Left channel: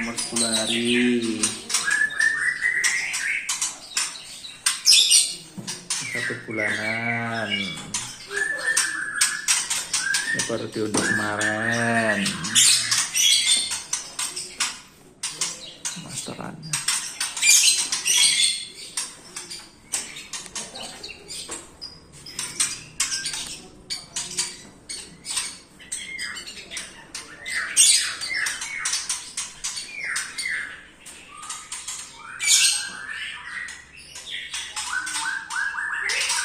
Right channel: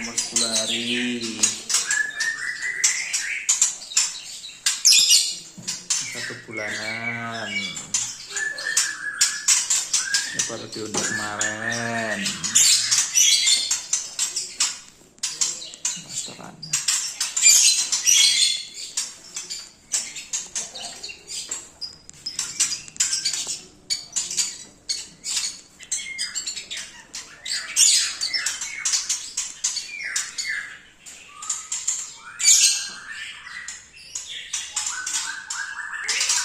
umur 10 hari. 1 bulanan. Ini baru diunduh kemarin.